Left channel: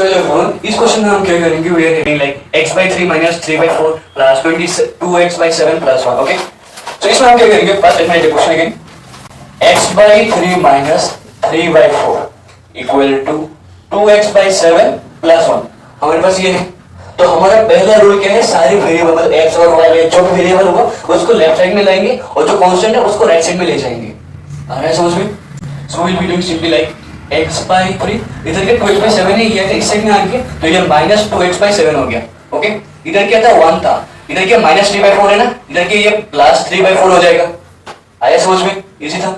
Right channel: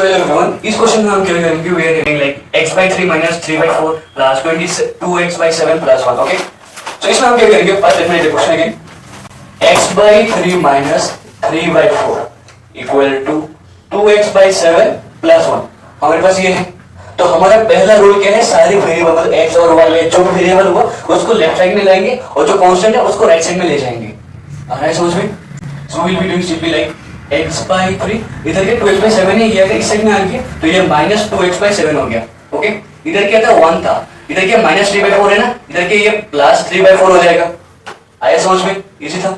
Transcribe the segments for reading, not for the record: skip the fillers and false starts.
So everyone, इस question में हम क्या करेंगे, we are having like x by 3 minus 3 by 4 plus 22x by 7 plus 1. Okay. So इसमें हम क्या करेंगे, first let me write the question again. x by 3 minus 3 by 4 equal to 2x by 7 plus 1. हमारे पास ये है. तो हमारा पहला रूल क्या है, सारे वेरिएबल x और y में जो भी वेरिएबल होगा उसको लेफ्ट साइड में लाएंगे और जो कांस्टेंट है उसको राइट साइड में ले जाएंगे. आ रहा है समझ में? So we'll be doing simply like x by 3, इधर के 12 by 7 ही किया था, इस साइड में आ गया तो ये minus 2x by 7 हो गया. ओके, इधर क्या था 1 था, इधर क्या minus 3 by 4 है ना, इधर के ये plus 3 by 4 हो जाएगा. आया समझ में? इजी था.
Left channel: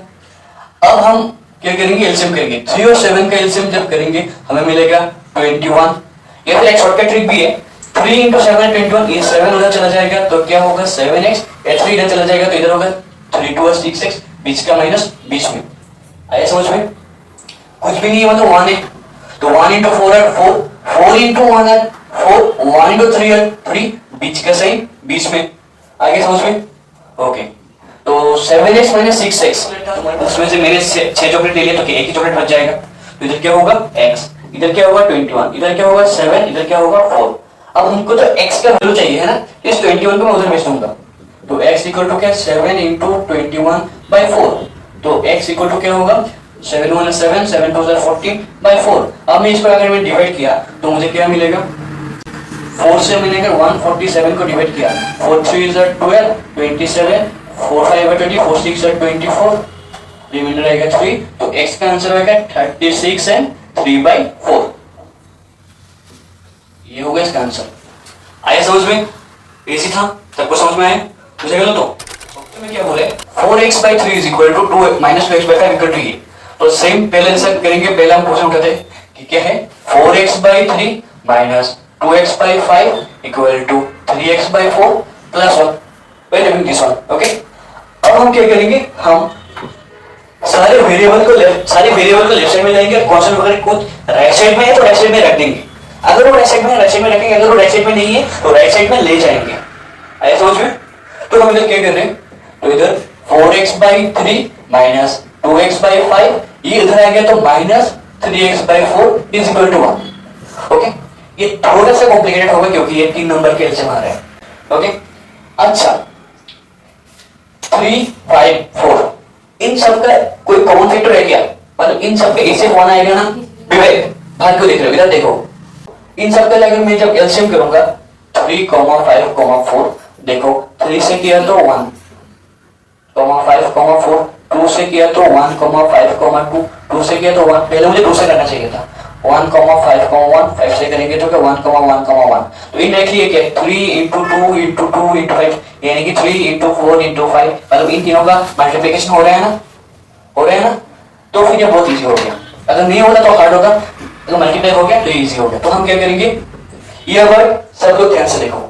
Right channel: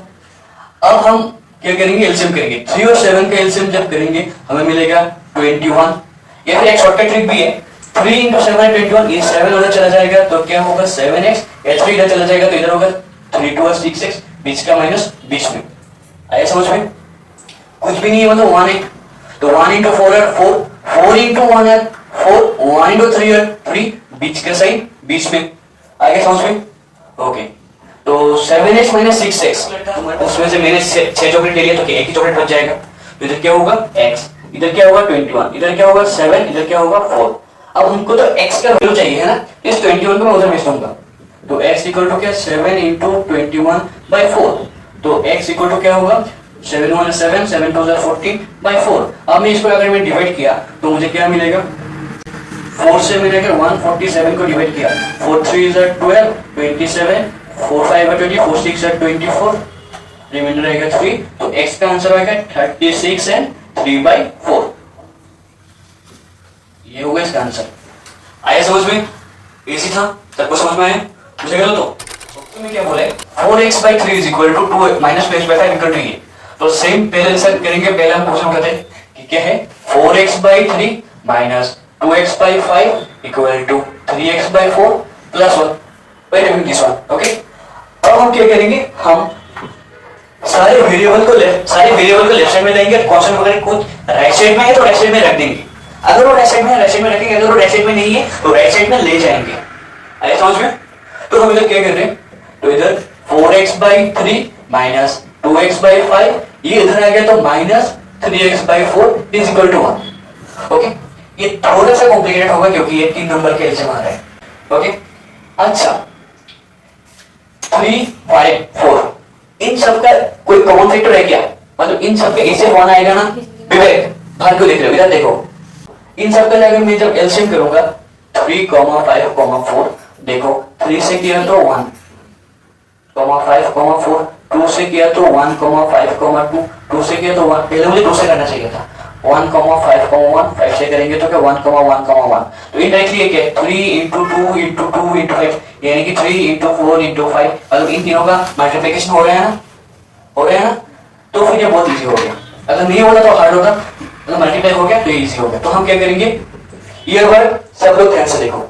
अब हम क्या करेंगे, एलसीएम करेंगे. 3 और 7 का एलसीएम जब करेंगे हमें मिलेगा 21. ये तो एक शॉर्टकट ट्रिक भी है. 3 into 7 21, ये 7 उधर चला जाएगा तो क्या होगा 7x, ये 3 इधर चला जाएगा तो इधर होगा 3 2 6x, बीच का माइनस बीच में. आया समझ में? कुछ भी नहीं है मतलब 1 है तो 1 into 4 है 4, 4 into 1 है 4, 1 into 3 है 3, बीच का साइन बीच में. आगे समझ में? ओके, तो 7x minus 6x, उसमें से मैंने 6 चॉकलेट ले लिया तो एक ही चॉकलेट बच जाएगा. तो इधर क्या होगा x, इधर क्या होगा 21, इधर क्या होगा 7, इधर क्या होगा 4. अब हमको तो x का वैल्यू चाहिए है ना, इस 21 को मैं उधर भेज दूंगा. तो x इक्वल टू क्या 7 into 21 by 4. तो x इक्वल टू क्या होगा 7 1 7, 7 2 14 by 4. अब मैं इसको अगर मैं डिवाइड किया तो मुझे क्या मिलेगा, 4 से मैंने अगर 147 को डिवाइड किया, 4 3 is 12, 27, 4 5 20, 4 6 24, रिमाइंडर आएगा 3. तो x का आंसर आएगा 36 and 3 by 4. ये होगा इसका आंसर. आया समझ में? इजी था, सबको समझ में आया? मुझे गलत तो क्या बोले 4x by 3 is equal to 2 minus 2x by 5 equal to ये. तो सेम पहले आंसर करेंगे. पहले हम क्वेश्चन कहते हैं कि क्या है 4x by 3 minus 2x by 5 equal to 3x by 4 plus 1. Wait a minute, this one. Okay. अब हम क्या करेंगे, हम सारे वेरिएबल को लेफ्ट साइड में लाएंगे. कांस्टेंट वगैरह को राइट साइड में है तो राइट साइड में रख देंगे. अगर वो राइट साइड में है राइट साइड में रखेंगे, अगर वो राइट साइड में नहीं है तो राइट साइड में ले जाएंगे. आया समझ में? तो हम इधर क्या कर रहे हैं, तो इधर 4x by 3 minus 2x by 5, ये इधर आ गया तो minus 3x by 4 is equal to 1. Okay, ये थोड़ा सा कॉम्प्लिकेटेड होगा क्योंकि ये 3 नंबर के एलसीएम आ रहा है. ओके, अच्छा 3 5 4, इन सब का कोई कॉमन फैक्टर है क्या, मतलब इन सब के ऐसे कौन आएगा ना, विवेक बाहर को देख रहे हो, इधर देखो. इन सब का अगर मैं जब एलसीएम करूंगा 3 5 4, देखो 3 से किया तो 1 5 4, 2 से किया तो 1 5 2, 2 से किया तो 1. पहले मुझे 2 से करना चाहिए था. 1 5 1, 5 से करेंगे तो क्या 1 1 1. तो इनडायरेक्टली ये क्या 3 into 2 into 2 into 5, यानी कि 3 into 4 into 5, मतलब इन तीनों का मल्टीप्लिकेशन हो रहा है ना. तो फिर ये बहुत इजी हो गया. अगर नहीं होगा तो हार्ड होगा, अगर मल्टीप्लाई हो गया तो इजी हो गया. तो हम क्या करेंगे, ये वर्ड सब लोग ध्यान से देखो.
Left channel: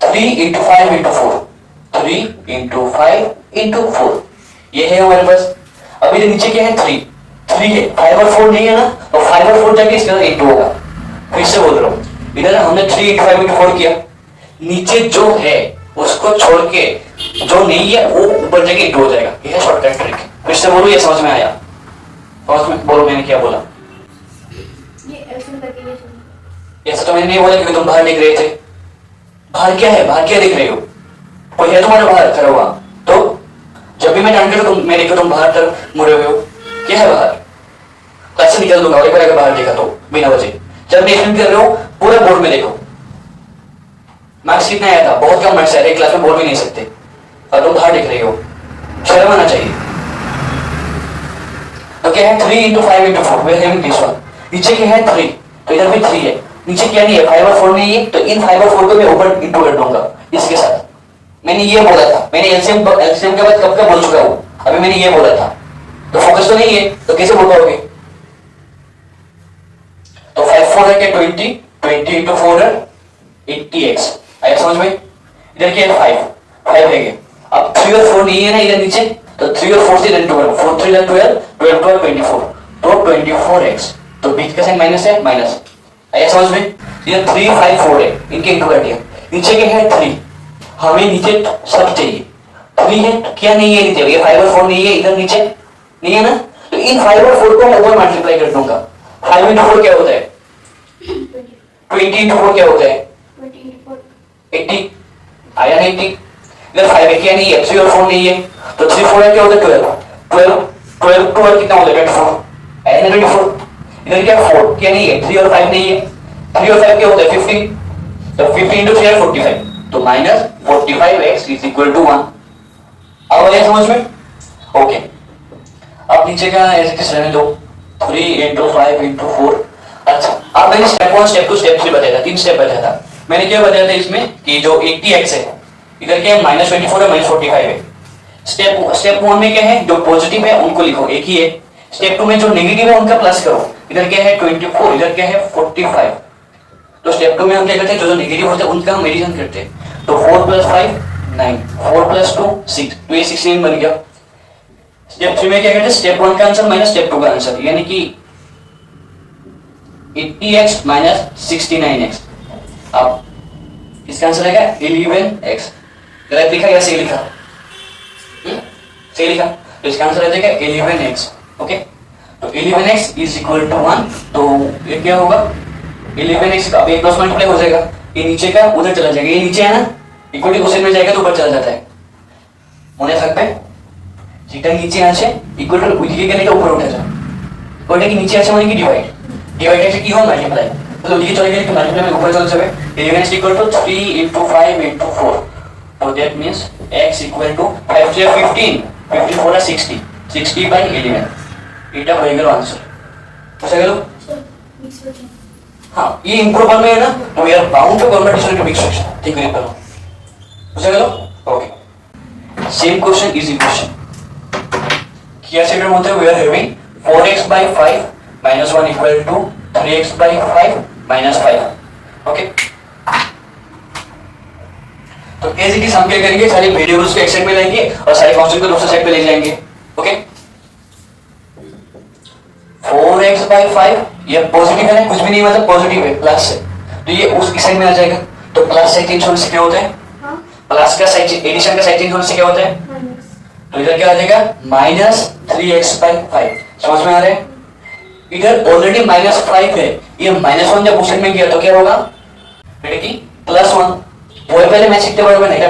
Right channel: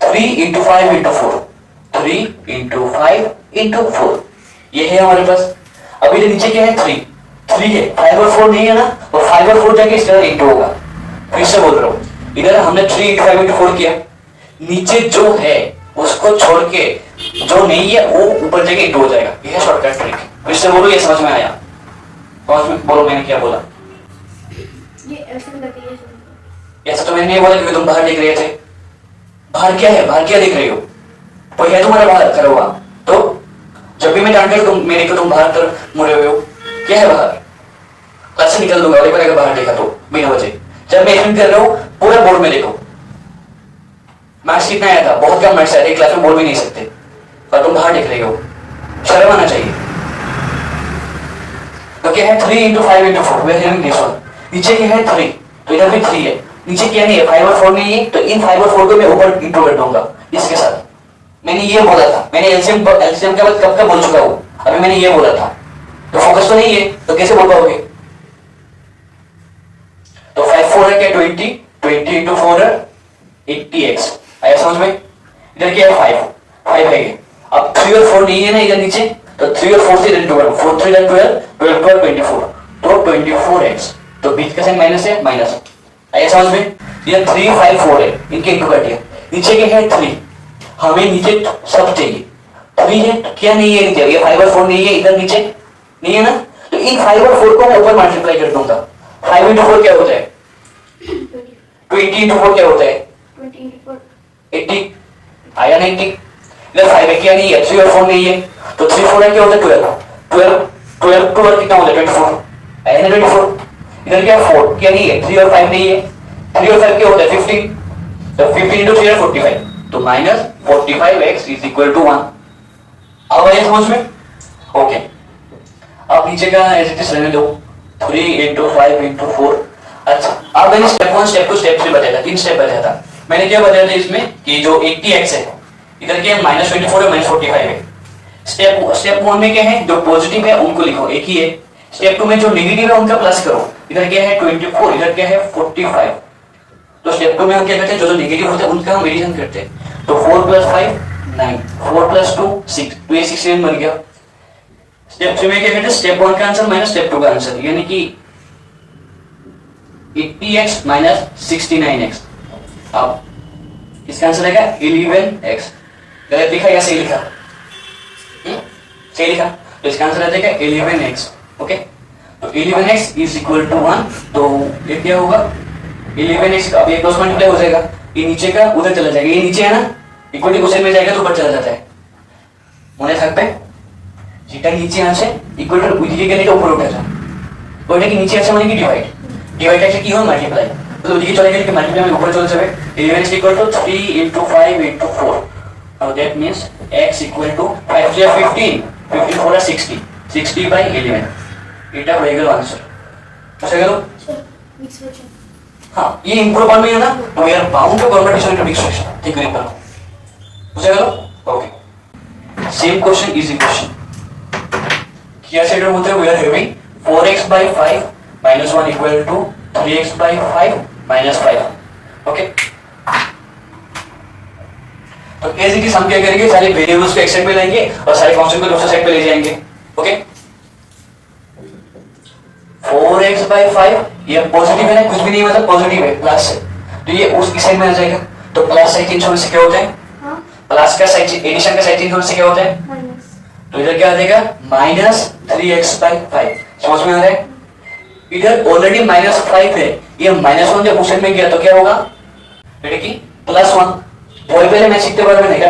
3 into 5 into 4, 3 into 5 into 4, ये है हमारे पास. अभी नीचे क्या है 3 है, 5 और 4 नहीं है ना, तो 5 और 4 जाके इसका 8 होगा. फिर से बोल रहा हूँ, इधर हमने 3 into 5 into 4 किया, नीचे जो है उसको छोड़ के जो नहीं है वो ऊपर जाके 8 हो जाएगा. यह है शॉर्टकट ट्रिक. फिर से बोलो, ये समझ में आया? समझ में बोलो मैंने क्या बोला. ऐसा तो मैंने नहीं बोला क्योंकि तुम बाहर देख रहे थे. बाहर क्या है, बाहर क्या देख रहे हो, कोई है तुम्हारा बाहर खड़ा हुआ. तो जब भी मैं जान करूं तुम मेरे को तुम बाहर तरफ मुड़े हुए हो, क्या है बाहर. क्लास से निकल दूंगा एक बार अगर बाहर देखा तो बिना वजह. जब मैं एक्सप्लेन कर रहा हूं पूरा बोर्ड में देखो. मार्क्स कितना आया था, बहुत कम मार्क्स आया था, क्लास में बोल भी नहीं सकते और तुम बाहर देख रहे हो. शर्म आना चाहिए. तो क्या है 3 into 5 into 4, वे हैं दिस वन. नीचे क्या है 3, तो इधर भी 3 है. नीचे क्या नहीं है 5 और 4 नहीं है, तो इन 5 और 4 को मैं ऊपर इंटू कर दूंगा इसके साथ. मैंने ये बोला था, मैंने एलसीएम के बाद कब का बोल चुका हूं, अभी मैंने ये बोला था. तो फोकस तो नहीं है तो कैसे बोल पाओगे. तो 5 4 है क्या 20 into 4 है 80x. आया समझ में? इधर क्या है 5 है ये. अब 3 और 4 नहीं है ना इधर नीचे, तो 3 और 4 से इधर 12, 4 3 12, 12 12 24, तो 24x. तो बीच का साइन माइनस है, माइनस. आया समझ में? ये 3 5 4 है, इनके इंटू कर दिया. नीचे क्या है 3, हमें नीचे सब चाहिए. 3 है क्या नहीं है नीचे, ये 5 और 4 नहीं है इधर नीचे नहीं है ना, तो इन 5 और 4 को मैं ऊपर मल्टीप्लाई कर दूंगा. 5 इंटू 4 क्या होता है? 20 इंटू 4 क्या होता है? 80 आया ना 80। इधर 5 है क्या नहीं है, 3 और 4 नहीं है, तो 3 4 क्या होता है 12 12 2 और कितना होता है 24 आया ना 24। इधर क्या 4 क्या नहीं है, 3 और 5 नहीं है, 3 और 5 क्या होता है 15, तो 15 इंटू 3 और 45, तो minus 45x is equal to 1। अब आइए समझ में? ओके अब नीचे का एज इट इज रहने दो, 3 इंटू 5 इंटू 4। अच्छा अब मैंने स्टेप 1 स्टेप 2 स्टेप 3 बताया था, 3 स्टेप बताया था। मैंने क्या बताया था इसमें कि जो 80x है इधर क्या है -24 है -45 है। स्टेप 1 में क्या है, जो पॉजिटिव है उनको लिखो एक ही है। स्टेप 2 में जो नेगेटिव है उनका प्लस करो। इधर क्या है 24, इधर क्या है 45। तो स्टेप 2 में हम क्या करते हैं, जो नेगेटिव होते हैं उनका हम एडिशन करते हैं। तो 4 + 5 9, 4 + 2 6, तो ये 16 बन गया। स्टेप 3 में क्या करते हैं, स्टेप 1 का आंसर माइनस स्टेप 2 का आंसर, यानी कि 80x माइनस 69x। अब इसका आंसर आएगा 11x। गलत लिखा या सही लिखा? सही लिखा, तो इसका आंसर आ जाएगा 11x। ओके तो 11x इज इक्वल टू 1, तो ये क्या होगा 11x, अब एक 2 मल्टीप्लाई हो जाएगा, ये नीचे का उधर चला जाएगा, ये नीचे है ना इक्वल टू क्वेश्चन में जाएगा तो ऊपर चला जाता है। मुझे सकते थीटा नीचे आंसर इक्वल टू उधर के ऊपर उठा जाए, बोलने की नीचे आंसर माने की डिवाइड कैसे की हो मल्टीप्लाई, तो उधर चला गया कि मल्टीप्लाई में ऊपर चला जाए। 11x equal to 3 into 5 into 4, तो that means x equal to 5 से 15 54 60 60 बाय 11, এটা হয়ে গেল आंसर। বুঝা গেল? हाँ ये इम्प्रूव में है ना, तो we are bound to convert into mix fraction, ठीक है करो। बुझा গেল? Okay same question easy question किया सेटर মধ্যে we are having 4x by 5 minus 1 equal to 3x by 5 minus 5। Okay तो एज इट इज हम क्या करेंगे, सारे वेरिएबल्स को एक साइड में लाएंगे और सारे कांस्टेंट को दूसरे साइड पे ले जाएंगे। ओके 4x by 5 ये पॉजिटिव है ना, कुछ भी नहीं मतलब पॉजिटिव है प्लस है, तो ये उस साइड में आ जाएगा। तो प्लस साइड चेंज होने से क्या होता है, प्लस का साइड एडिशन का साइड चेंज होने से क्या होता है, तो इधर क्या आ जाएगा -3x by 5। समझ में आ रहा है? इधर ऑलरेडी -5 है, ये -1 जब उस साइड में गया तो क्या होगा बेटे की +1। বই পেলে ম্যাচ শিখতে পারবে না, এটা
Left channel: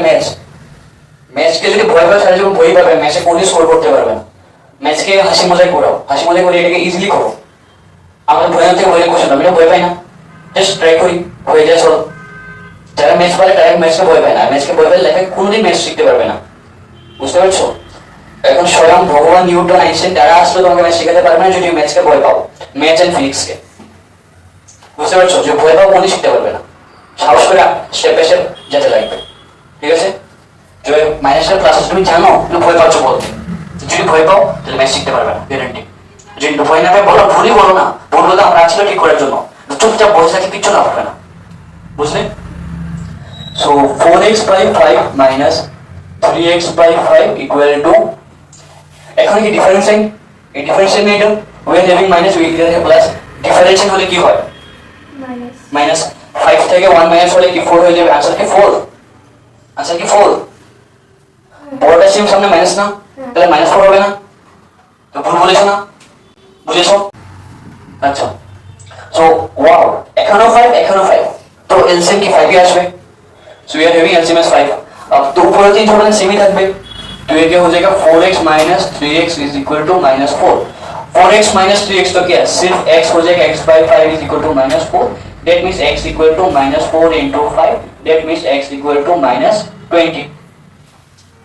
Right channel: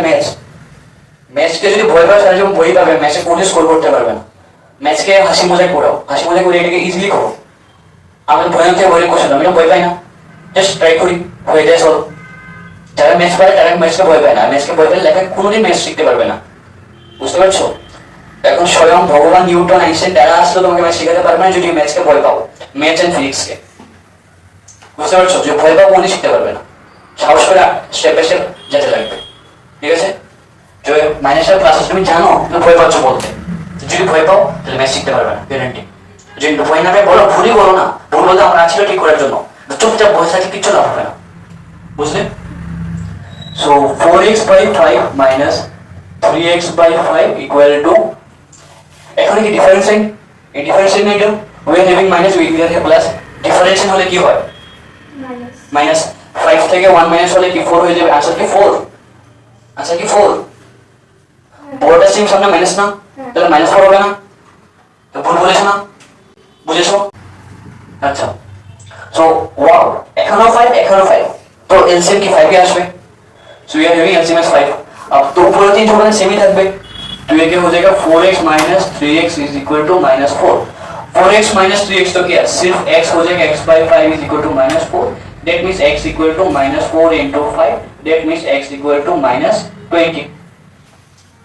ম্যাচকে যদি ভয় পাও তাহলে যখন বই পাবে ম্যাচে কোনই স্কোর করতে পারবে না। ম্যাচকে হাসি মজাই করাও, হাসি মজাই করে এটাকে ইজিলি করো। আমাদের ভয় হতে বলে কোশ্চেন আমি ভয় পাই না, জাস্ট ট্রাই করি হয়ে যায় সব। যারা ম্যাচ পারে তারা ম্যাচকে ভয় পায় না, ম্যাচকে ভয় পেলে লেখা কোনোদিন ম্যাচ শিখতে পারবে না। বুঝতে পারছো? এখন স্বয়ং ভগবান নিউটন আইনস্টাইন তারা আসলে তোমাকে ম্যাচ শেখাতে পারবে না যদি ম্যাচকে ভয় পাও, ম্যাচ এন্ড ফিজিক্সকে। বুঝতে পারছো? যে ভয় পাও কোনোদিন শিখতে পারবে না, সাহস করে স্টেপ বাই স্টেপ যেতে লাগবে। ঠিক আছে? যে মাইনাসের প্লাস তুমি জানো কিন্তু ভয় পাচ্ছ বলতে, যদি ভয় পাও তাহলে ম্যাথ শিখতে পারবে না, গ্যারান্টি। যদি ভয় না পায় বলো, ভুলই বলো না, ভুল হলে আমরা আছি ঠিক করার জন্য, চুপচাপ বসে থাকি কিচ্ছু না হবে না। বুঝলে? So 4x by 5 minus 3x by 5 equal to, এখন কি ডিফারেন্সিং, এই ডিফারেন্সিং এটা we are having minus we are having plus, ডিফারেন্সিং হলে কি হয় মাইনাস 5 থেকে 1 মাইনাস হলে কি 4 হয়ে যাবে, आंसर কি 4, आंसर কি 4। বড়টা সিম সামনে মাইনাস না, তাহলে -4 হবে না, তো ভুল বলেছ না, বুঝেছো? আচ্ছা সো ওয়াও এখানেও 5 তো এলসিএম কি 5 এ আসবে, so we are having LCM S 5। अब तो ऊपर तीन जो बने सेम ही থাকবে, तो ये क्या हो जाएगा 4x minus 3x is equal to -4। 4x minus 3x तो क्या सिर्फ x हो जाएगा, x by 5 is equal to -4, that means x equal to -4 into 5, that means x equal to -20।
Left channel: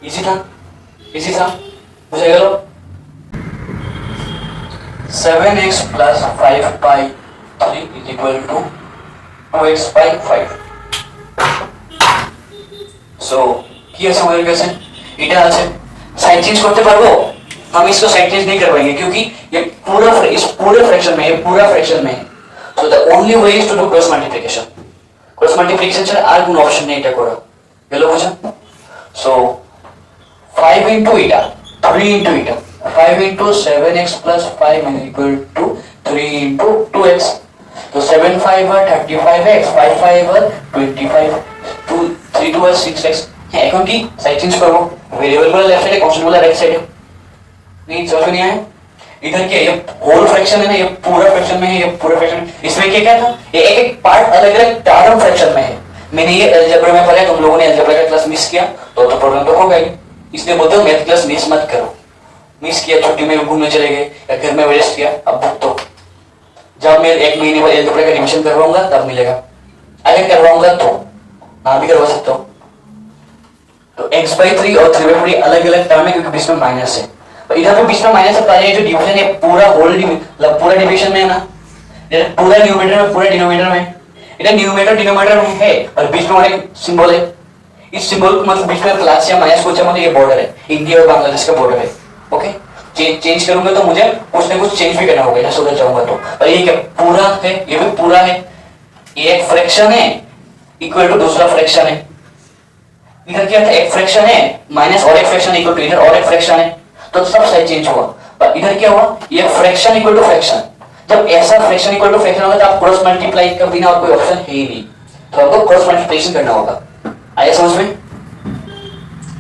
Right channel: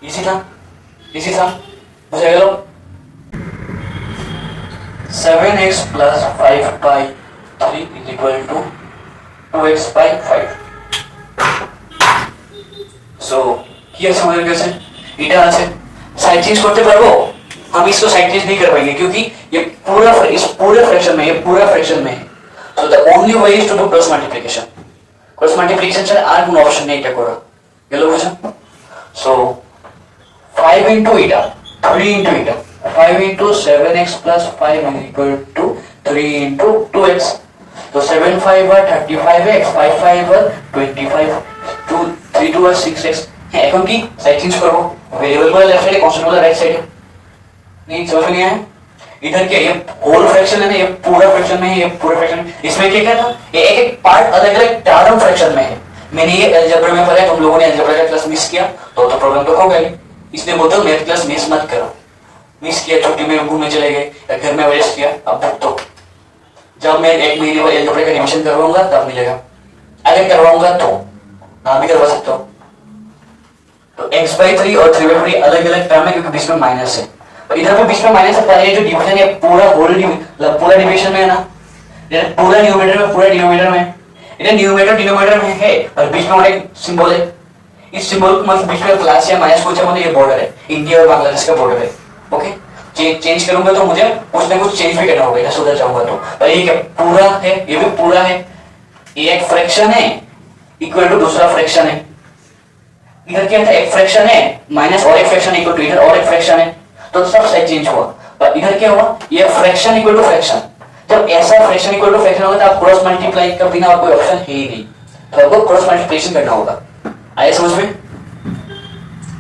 Easy था, इजी था, बुझे गया? 7x plus 5 by 3 is equal to 2x by 5। सो কি আছে हमारे কাছে, এটা আছে, साइड चेंज करते पारबो, हम इसको साइड चेंज नहीं कर पाएंगे क्योंकि ये पूरा इस पूरे फ्रैक्शन में, ये पूरा फ्रैक्शन में है। So the only way is to do cross multiplication, cross multiplication ছাড়া আর কোনো অপশন নেই এটা করা গেল, বুঝা? So 5 into eta 3 into eta 5 into 7x plus 5 is equal to 3 into 2x, तो 7 5 are 35x, 5 5 are 25, 2 3 2 are 6x। হ্যাঁ এখন কি সাইড চেঞ্জ করব, ভেরিয়েবল বলে লেফট সাইডে, কনস্ট্যান্ট বলে রাইট সাইডে, नहीं समझ नहीं आया? इधर क्या, ये होल फ्रैक्शन है ना, ये पूरा फ्रैक्शन में है, ये पूरा फ्रैक्शन, इसमें क्या क्या था, ये एक एक पार्ट अलग अलग टर्म फ्रैक्शन में है। मैंने ये अलजेब्रा में पढ़ा, तुम लोगों ने अलजेब्रा का क्लास मिस किया तो प्रॉब्लम तो होगा ही, इसलिए बोलता हूँ मैथ क्लास मिस मत करो। मिस किया, छुट्टी में घूमने चले गए या घर में वेस्ट किया, अब भुगतो। जब मैं 1 महीने बाद अलजेब्रा का रिविजन करवाऊंगा तब मिलेगा, अगर करवाऊंगा तो ना भी करवा सकता हूँ। तो x/3 और 3/3 अलग अलग टर्म है क्योंकि बीच में माइनस है, तो इधर भी बीच में माइनस है। ये जो डिवीजन है पूरा होल पूरा डिवीजन में है ना, पूरा न्यूमरेटर में पूरा डिनोमिनेटर में, इधर न्यूमरेटर डिनोमिनेटर में है और बीच में एक सिंबल है। इस सिंबल को मतलब बीच में प्लस या माइनस कुछ मतलब ये बॉर्डर है, इंडिया और बांग्लादेश का बॉर्डर है। ओके, चेंज करूंगा तो मुझे कुछ ना कुछ चेंज भी करना होगा, ऐसा उधर जाऊंगा तो। ये क्या पूरा है, ये भी पूरा है, ये एक फ्रैक्शन है इक्वल टू दूसरा फ्रैक्शन है। इधर क्या था, एक फ्रैक्शन है माइनस और एक फ्रैक्शन इक्वल टू इधर और एक फ्रैक्शन है, तो सब साइड चेंज हुआ। पर इधर क्या हुआ, ये फ्रैक्शन इक्वल टू फ्रैक्शन। जब ऐसा फ्रैक्शन इक्वल टू फ्रैक्शन होगा तो आप क्रॉस मल्टीप्लाई का बिना और कोई ऑप्शन है ही नहीं, तो आपको क्रॉस मल्टीप्लिकेशन करना होगा। आया समझ में?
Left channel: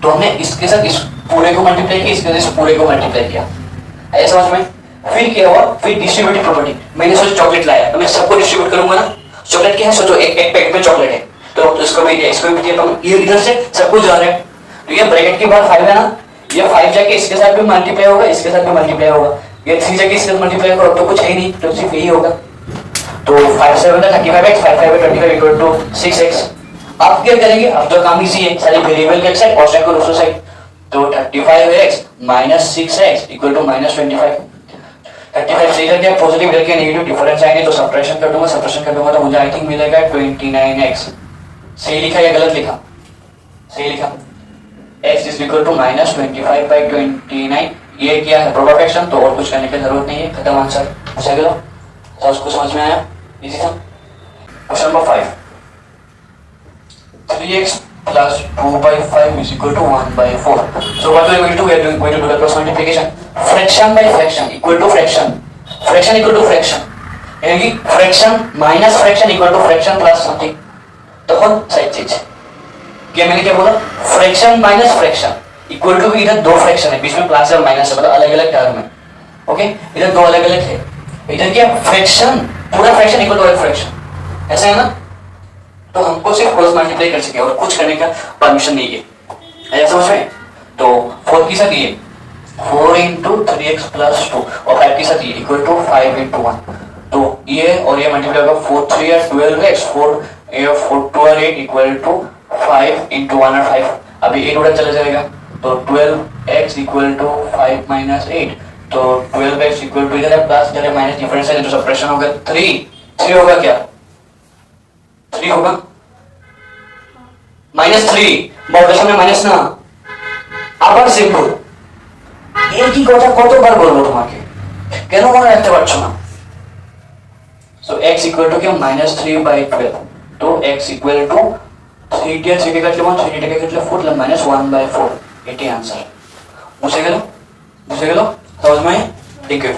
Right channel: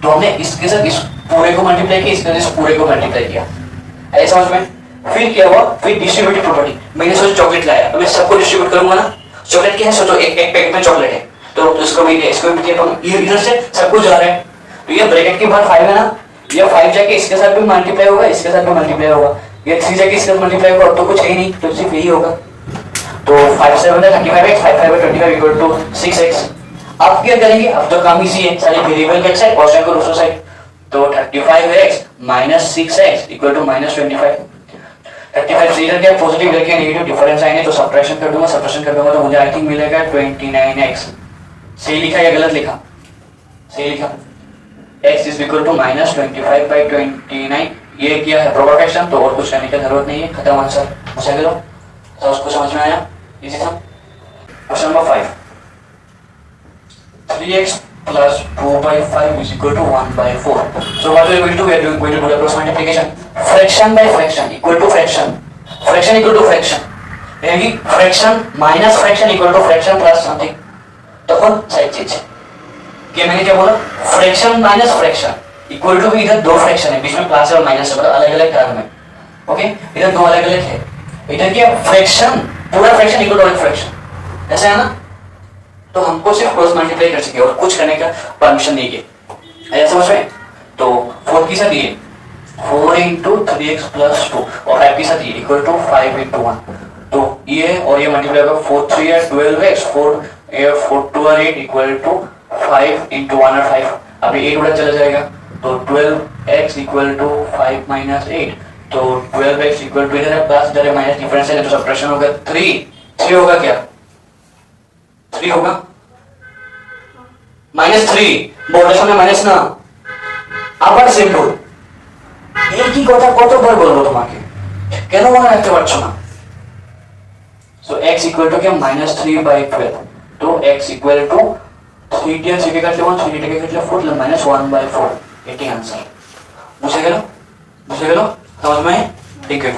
तो हमने इसके साथ इस पूरे को मल्टीप्लाई किया, इसके साथ इस पूरे को मल्टीप्लाई किया। आया समझ में? फिर क्या हुआ, फिर डिस्ट्रीब्यूटिव प्रॉपर्टी। मैंने सोचा चॉकलेट लाया तो मैं सबको डिस्ट्रीब्यूट करूंगा ना। चॉकलेट क्या है, सोचो एक पैकेट में चॉकलेट है तो इसको भी ये इधर से सबको जा रहा है, तो ये ब्रैकेट के बाद 5 है ना, ये 5 जाके इसके साथ भी मल्टीप्लाई होगा, इसके साथ भी मल्टीप्लाई होगा, ये 3 जाके इसके साथ मल्टीप्लाई होगा, तो कुछ है ही नहीं, तो सिर्फ यही होगा। तो 5 से बना 35x, 5 5 25 इक्वल टू 6x। अब क्या करेंगे, अब तो काम इजी है, सारे वेरिएबल का एक साइड और को दूसरा साइड, तो 35x minus 6x equal to minus 25। 35 से इधर क्या पॉजिटिव इधर क्या नेगेटिव, डिफरेंस आएंगे तो सब्ट्रैक्शन कर दूंगा, सब्ट्रैक्शन कर दूंगा तो मुझे आई थिंक मिलेगा 29x। सही लिखा या गलत लिखा? सही लिखा। x is equal to minus 25/29। ये क्या है, प्रॉपर फ्रैक्शन, तो और कुछ करने की जरूरत नहीं है, खत्म आंसर। मुझे लो तो उसको समझ में आया, इजी था। Question number 5, 3x plus 2/5 is equal to 1/4. So what we are going to do? We are going to do the cross multiplication. Fraction by fraction equal to fraction. Fraction equal to fraction. यानी fraction minus fraction equal to fraction plus something. तो कौन side change? क्या मैंने क्या बोला? Fraction minus fraction equal to, इधर दो fraction है, बीच में प्लस और माइनस है, मतलब अलग अलग टर्म है। ओके, इधर दो अलग अलग है, इधर क्या फ्रैक्शन पूरा फ्रैक्शन इक्वल टू एक फ्रैक्शन, ऐसा है ना। तो हमको सिर्फ क्रॉस मल्टीप्लाई कर सके और कुछ करने का परमिशन नहीं है, ऐसा समझ में? तो 4 के साथ ये 4 × 3x + 2 और 5 के साथ ये इक्वल टू 5 × 1, तो ये और ये मल्टीप्लाई होगा 4 3 या 12x 4 2 और 8 इक्वल टू 5 × 1 और 5। अभी 8 उधर चला जाएगा तो 12x इक्वल टू 5 - 8, तो 12x इक्वल टू इधर प्लस इधर माइनस, डिफरेंस है तो सब्ट्रैक्शन होगा 3 होगा, क्या 3 होगा -3 বড় সামনে মাইনাস না, আবার সিম্বল এই কি কথা কতবার বলবো তোমাকে, কেন মনে রাখতে পারছো না? সো x ইকুয়াল টু কি -3/12, তো x ইকুয়াল টু 3 টি 3 কে কাটলে 1 3 টিকে কাটলে 4 তাহলে -1/4, এটাই आंसर। বুঝে গেল? বুঝে গেল? সহজ নয়? Thank you.